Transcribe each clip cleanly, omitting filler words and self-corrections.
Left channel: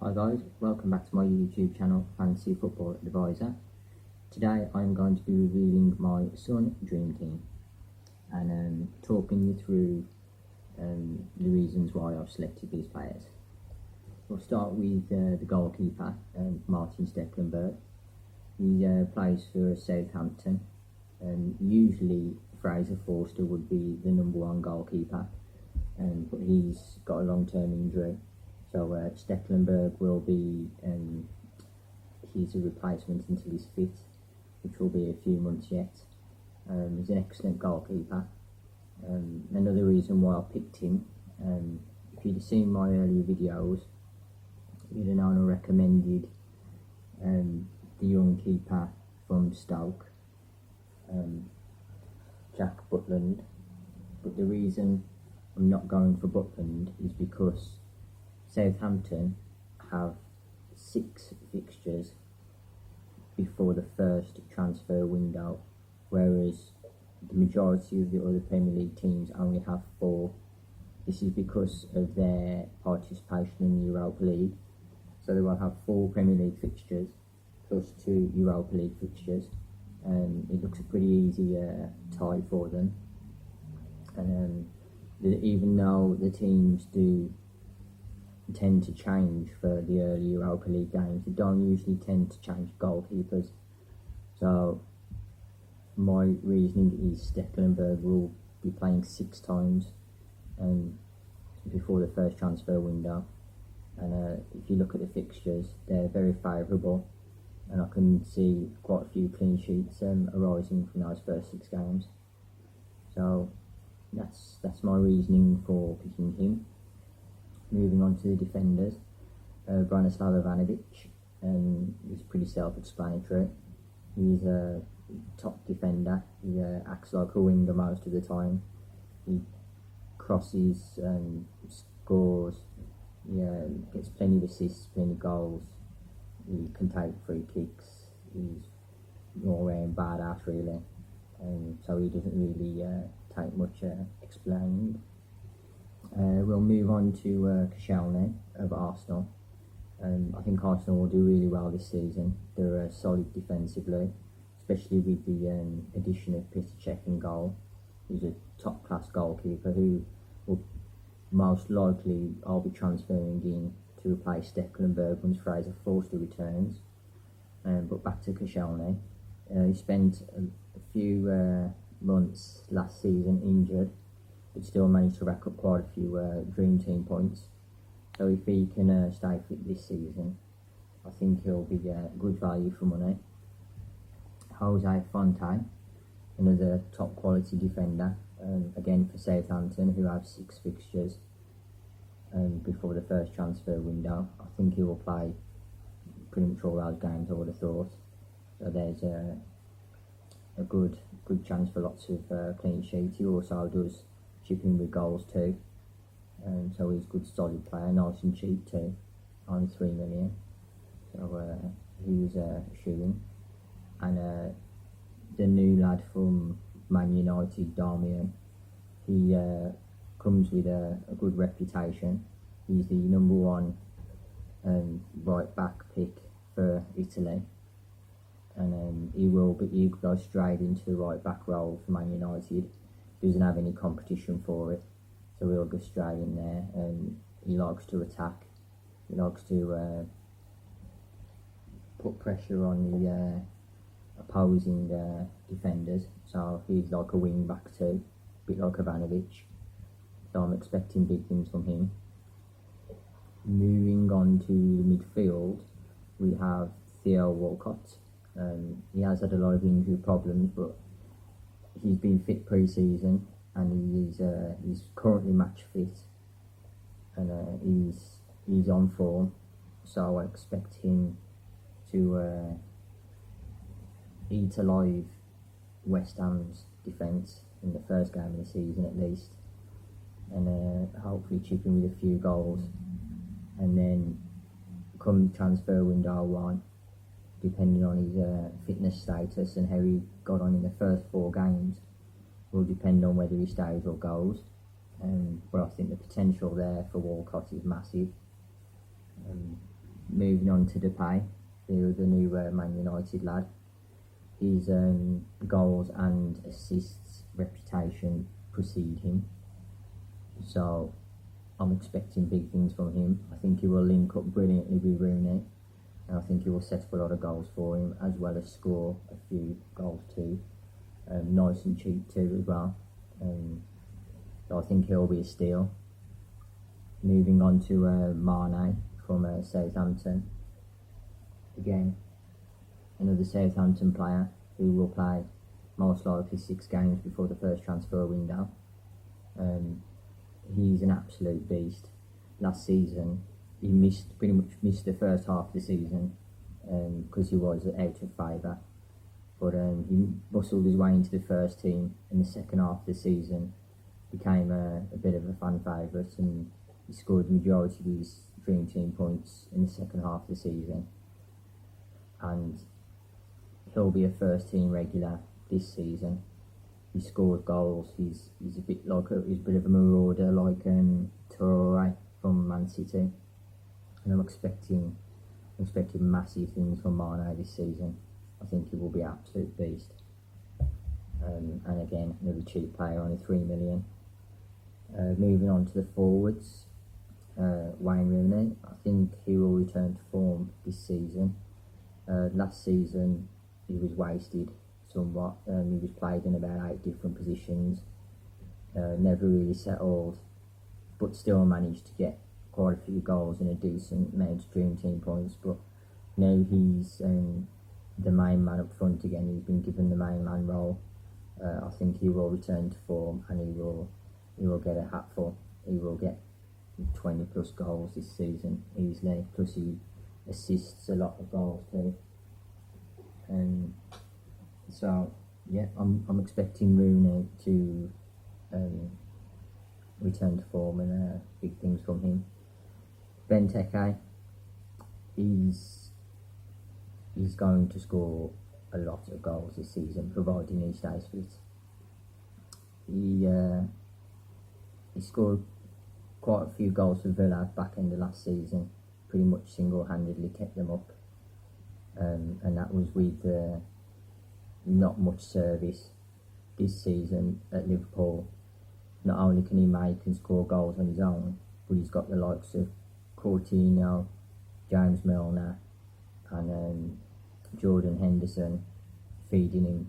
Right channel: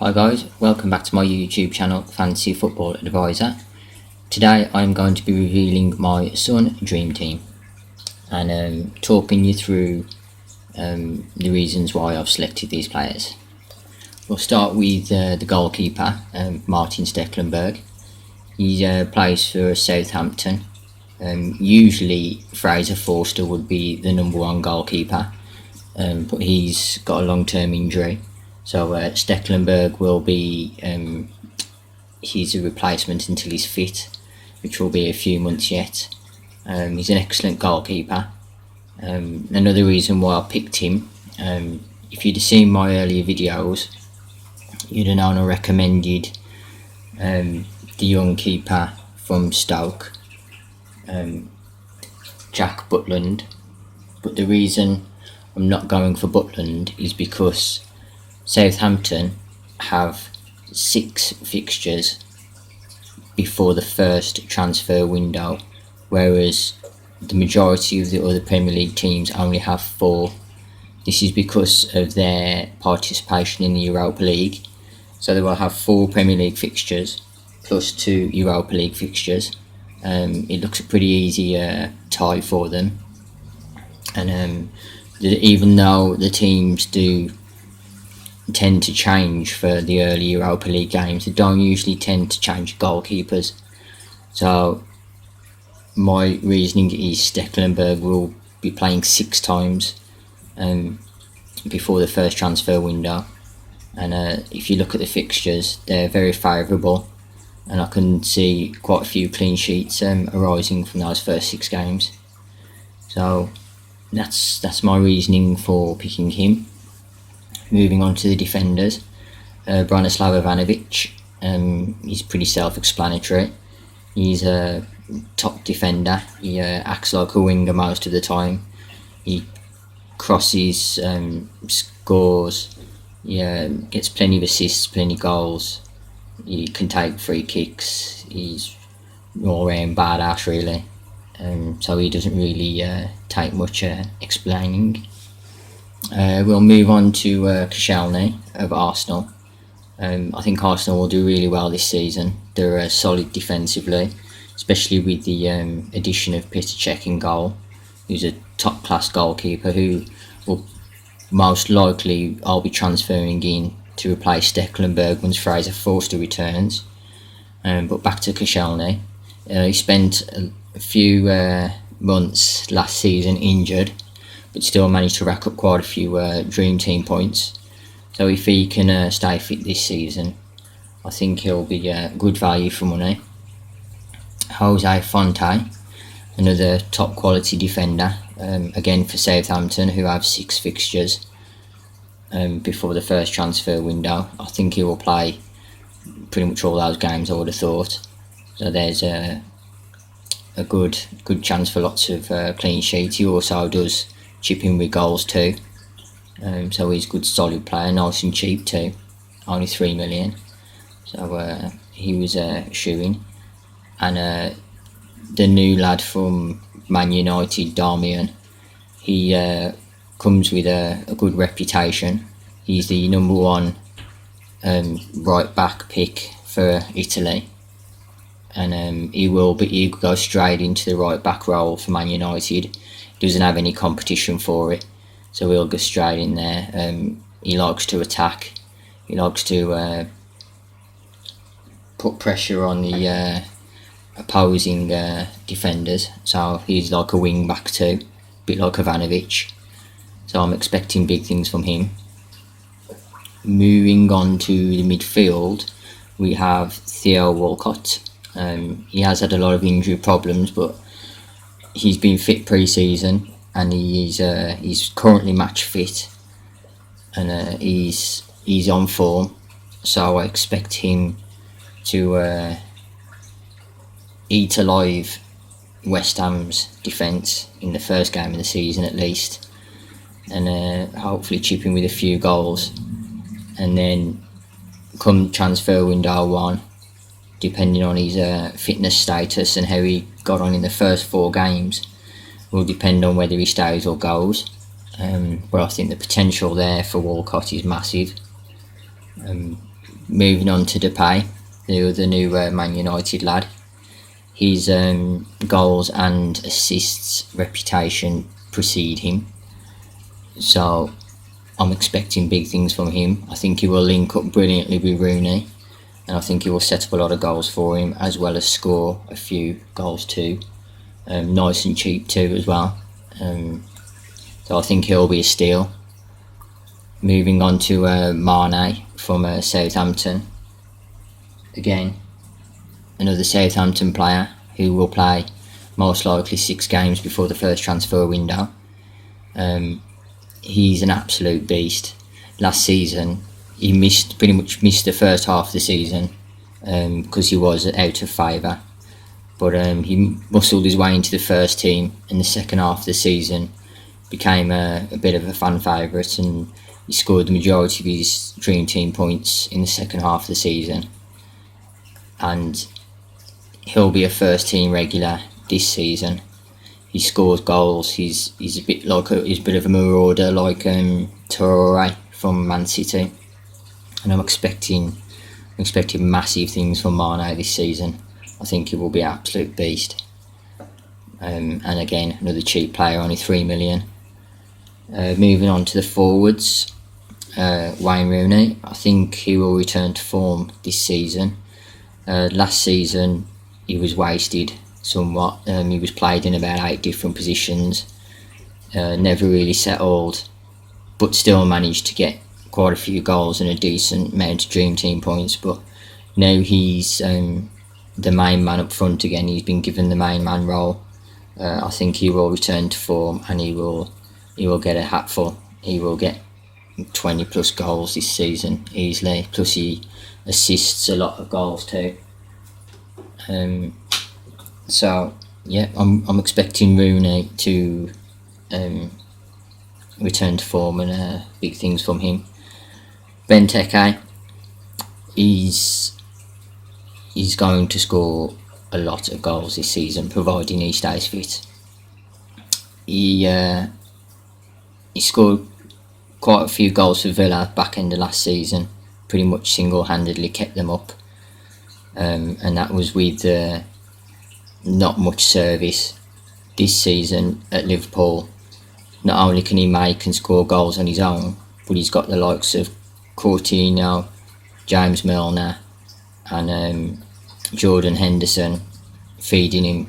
Hi guys, welcome back to my YouTube channel, Fantasy Football Advisor. Today I'm going to be revealing my Sun Dream Team and talking you through the reasons why I've selected these players. We'll start with the goalkeeper, Martin Stekelenburg. He plays for Southampton. Usually Fraser Forster would be the number one goalkeeper, but he's got a long-term injury. So Stekelenburg will be he's a replacement until he's fit, which will be a few months yet. He's an excellent goalkeeper. Another reason why I picked him, if you'd have seen my earlier videos, you'd have known I recommended the young keeper from Stoke, Jack Butland. But the reason I'm not going for Butland is because Southampton have 6 fixtures before the first transfer window, whereas the majority of the other Premier League teams only have 4. This is because of their participation in the Europa League. So they will have 4 Premier League fixtures plus 2 Europa League fixtures. It looks a pretty easy tie for them. And even though the teams do tend to change for the early Europa League games, they don't usually tend to change goalkeepers. So my reasoning is Stekelenburg will be playing 6 times before the first transfer window, and if you look at the fixtures, they're very favourable, and I can see quite a few clean sheets arising from those first 6 games. So that's my reasoning for picking him. Moving on to the defenders, Branislav Ivanovic. He's pretty self-explanatory. He's a top defender. He acts like a winger most of the time. He crosses, scores, gets plenty of assists, plenty of goals. He can take free kicks. He's all round badass really. So he doesn't really take much explaining. We'll move on to Koscielny of Arsenal. I think Arsenal will do really well this season. They're solid defensively, especially with the addition of Petr Cech in goal, who's a top-class goalkeeper who will most likely I'll be transferring in to replace Stekelenburg once Fraser Forster returns. But back to Koscielny. He spent a few months last season injured, but still managed to rack up quite a few Dream Team points. So if he can stay fit this season, I think he'll be good value for money. Jose Fonte, another top quality defender, again for Southampton, who have 6 fixtures before the first transfer window. I think he will play pretty much all those games, I would have thought. So there's a good chance for lots of clean sheets. He also does chip in with goals too, so he's a good solid player, nice and cheap too, only 3 million. So he was a shoo-in. And the new lad from Man United, Darmian, he comes with a good reputation. He's the number 1 right back pick for Italy, and he'll go straight into the right back role for Man United. Doesn't have any competition for it, so he'll go straight in there. He likes to attack. He likes to put pressure on the opposing defenders. So he's like a wing back too, a bit like Ivanovic. So I'm expecting big things from him. Moving on to the midfield, we have Theo Walcott. He has had a lot of injury problems, but he's been fit pre-season, and he's currently match fit, and he's on form. So I expect him to eat alive West Ham's defence in the first game of the season at least, and hopefully chip in with a few goals. And then come transfer window 1, depending on his fitness status and how he got on in the first 4 games, will depend on whether he stays or goes. But I think the potential there for Walcott is massive. Moving on to Depay, the new Man United lad. His goals and assists reputation precede him, so I'm expecting big things from him. I think he will link up brilliantly with Rooney, and I think he will set up a lot of goals for him, as well as score a few goals too. Nice and cheap too as well. So I think he'll be a steal. Moving on to Mane from Southampton. Again, another Southampton player who will play most likely 6 games before the first transfer window. He's an absolute beast. Last season, he pretty much missed the first half of the season because he was out of favour. But he muscled his way into the first team in the second half of the season, became a bit of a fan favourite, and he scored the majority of his dream team points in the second half of the season. And he'll be a first team regular this season. He scores goals. He's a bit like he's a bit of a marauder, like Traoré from Man City, and I'm expecting massive things from Mane this season. I think he will be an absolute beast. And again, another cheap player, only 3 million. Moving on to the forwards, Wayne Rooney. I think he will return to form this season. Last season, he was wasted somewhat. He was played in about 8 different positions. Never really settled, but still managed to get quite a few goals and a decent amount of dream team points. But now he's the main man up front again. He's been given the main man role. I think he will return to form, and he will get a hatful. He will get 20 plus goals this season easily. Plus he assists a lot of goals too. So yeah, I'm expecting Rooney to return to form, and big things from him. Benteke, he's going to score a lot of goals this season, providing he stays fit. He scored quite a few goals for Villa back end of last season. Pretty much single-handedly kept them up, and that was with not much service. This season at Liverpool, not only can he make and score goals on his own, but he's got the likes of Coutinho, James Milner, and Jordan Henderson feeding him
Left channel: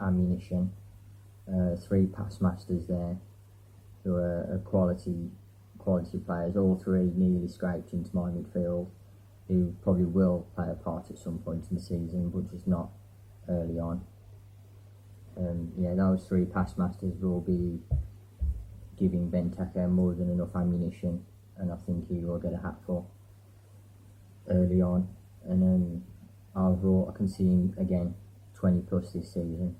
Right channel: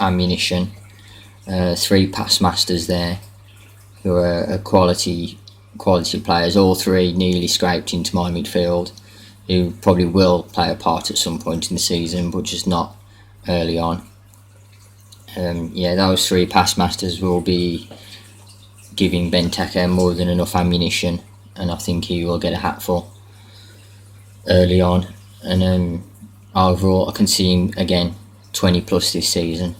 ammunition. 3 pass masters there who are quality players. All 3 nearly scraped into my midfield, who probably will play a part at some point in the season, but just not early on. Those 3 pass masters will be giving Benteke more than enough ammunition, and I think he will get a hatful early on. And overall, I can see him again 20 plus this season.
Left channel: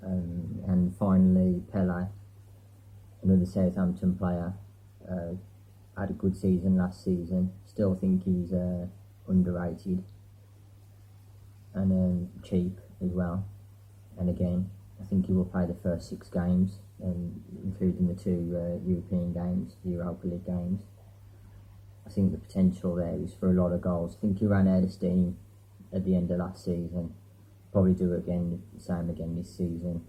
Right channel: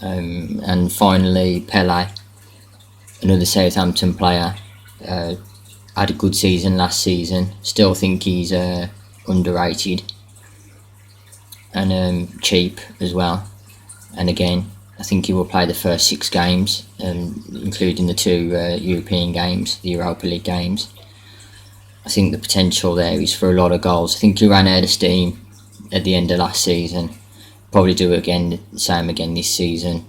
And finally, Pele, another Southampton player, had a good season last season. Still think he's underrated and cheap as well. And again, I think he will play the first 6 games, including the 2 European games, the Europa League games. I think the potential there is for a lot of goals. I think he ran out of steam at the end of last season. Probably do it again, the same again this season.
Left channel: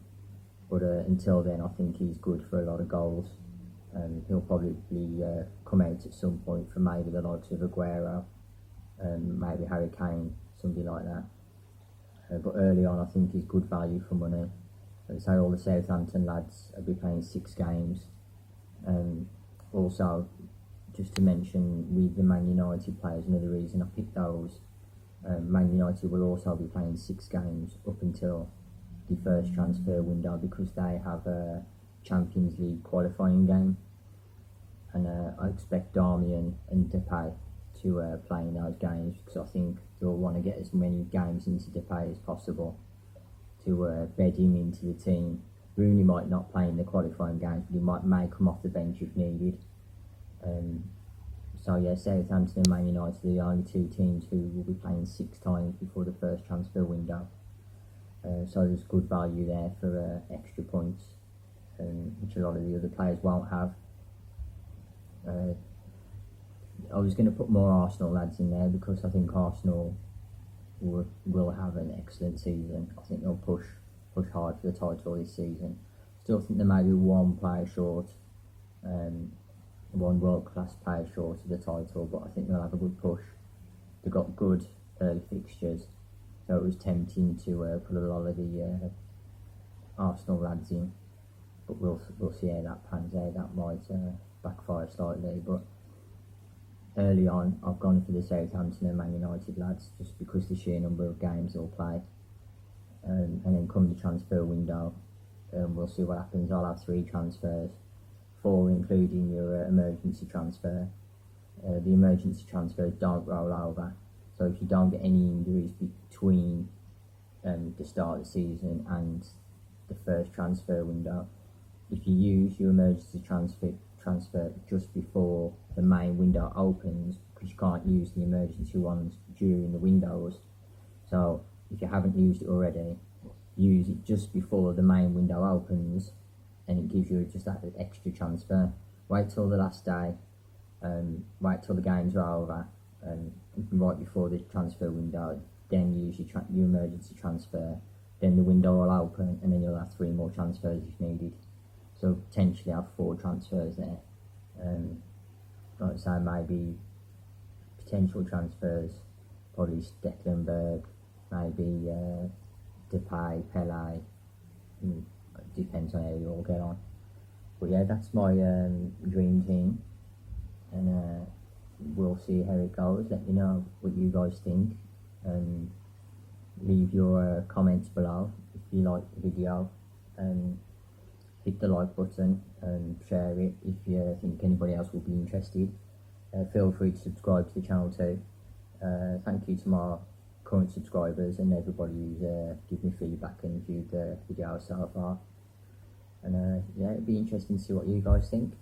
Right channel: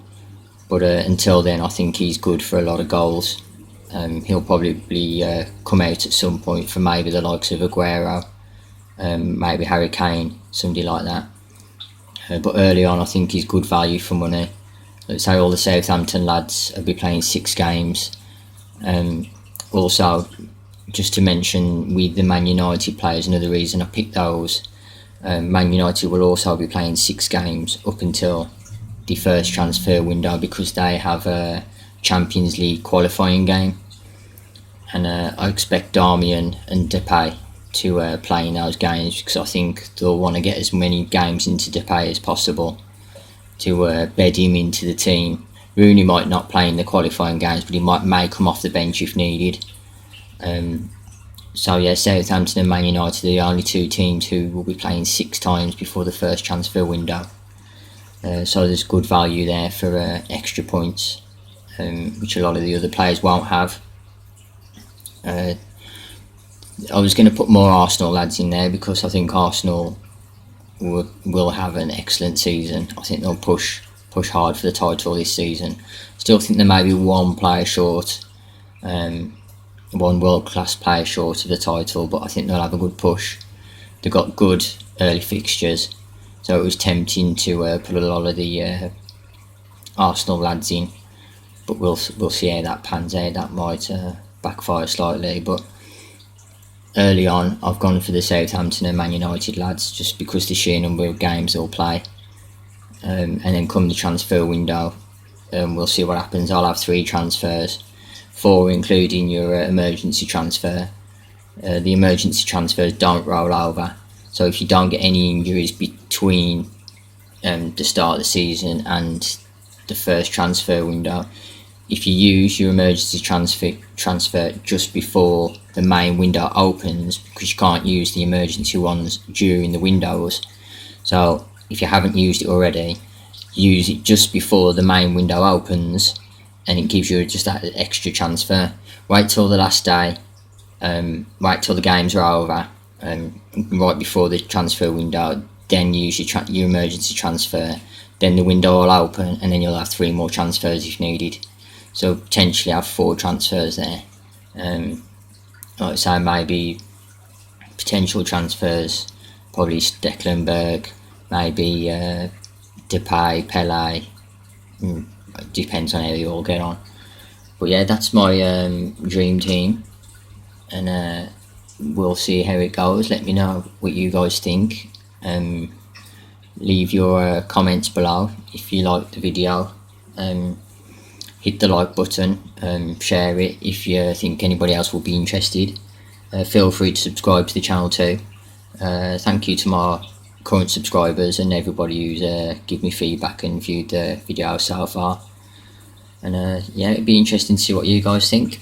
But until then, I think he's good for a lot of goals. He'll probably come out at some point for maybe the likes of Aguero, maybe Harry Kane, somebody like that. But early on, I think he's good value for money. Let's say all the Southampton lads will be playing 6 games. Also, just to mention, with the Man United players, another reason I picked those, Man United will also be playing 6 games up until the first transfer window, because they have a Champions League qualifying game, and I expect Darmian and Depay to play in those games, because I think they'll want to get as many games into Depay as possible to bed him into the team. Rooney might not play in the qualifying games, but he may come off the bench if needed. Southampton and Man United are the only 2 teams who will be playing 6 times before the first transfer window. So there's good value there for extra points, which a lot of the other players won't have. I was going to put more Arsenal lads in there because I think Arsenal will have an excellent season. I think they'll push hard for the title this season. Still think they may be one player short, one world class player short of the title, but I think they'll have a good push. They've got good early fixtures, so it was tempting to put a lot of the Arsenal lads in, but we'll see how that pans out. That might backfire slightly, but early on I've gone for the Southampton and Man United lads just because the sheer number of games they'll play, and then come the transfer window, we'll see what happens. I'll have 3 transfers, 4 including your emergency transfer. The emergency transfers don't roll over, so if you don't get any injuries between the start of the season and the first transfer window, if you use your emergency transfer just before the main window opens, because you can't use the emergency ones during the windows, so if you haven't used it already, use it just before the main window opens, and it gives you just that extra transfer. Wait till the last day, wait till the games are over, right before the transfer window, then use your emergency transfer. Then the window will open, and then you'll have 3 more transfers if needed. So potentially have 4 transfers there. Like I say, maybe potential transfers, probably Stecklenburg, maybe Depay, Pele. Depends on how you all get on. But yeah, that's my dream team, and we'll see how it goes. Let me know what you guys think. Leave your comments below if you liked the video. Hit the like button, share it if you think anybody else will be interested. Feel free to subscribe to the channel too. Thank you to my current subscribers and everybody who's give me feedback and viewed the video so far. And yeah, it'd be interesting to see what you guys think.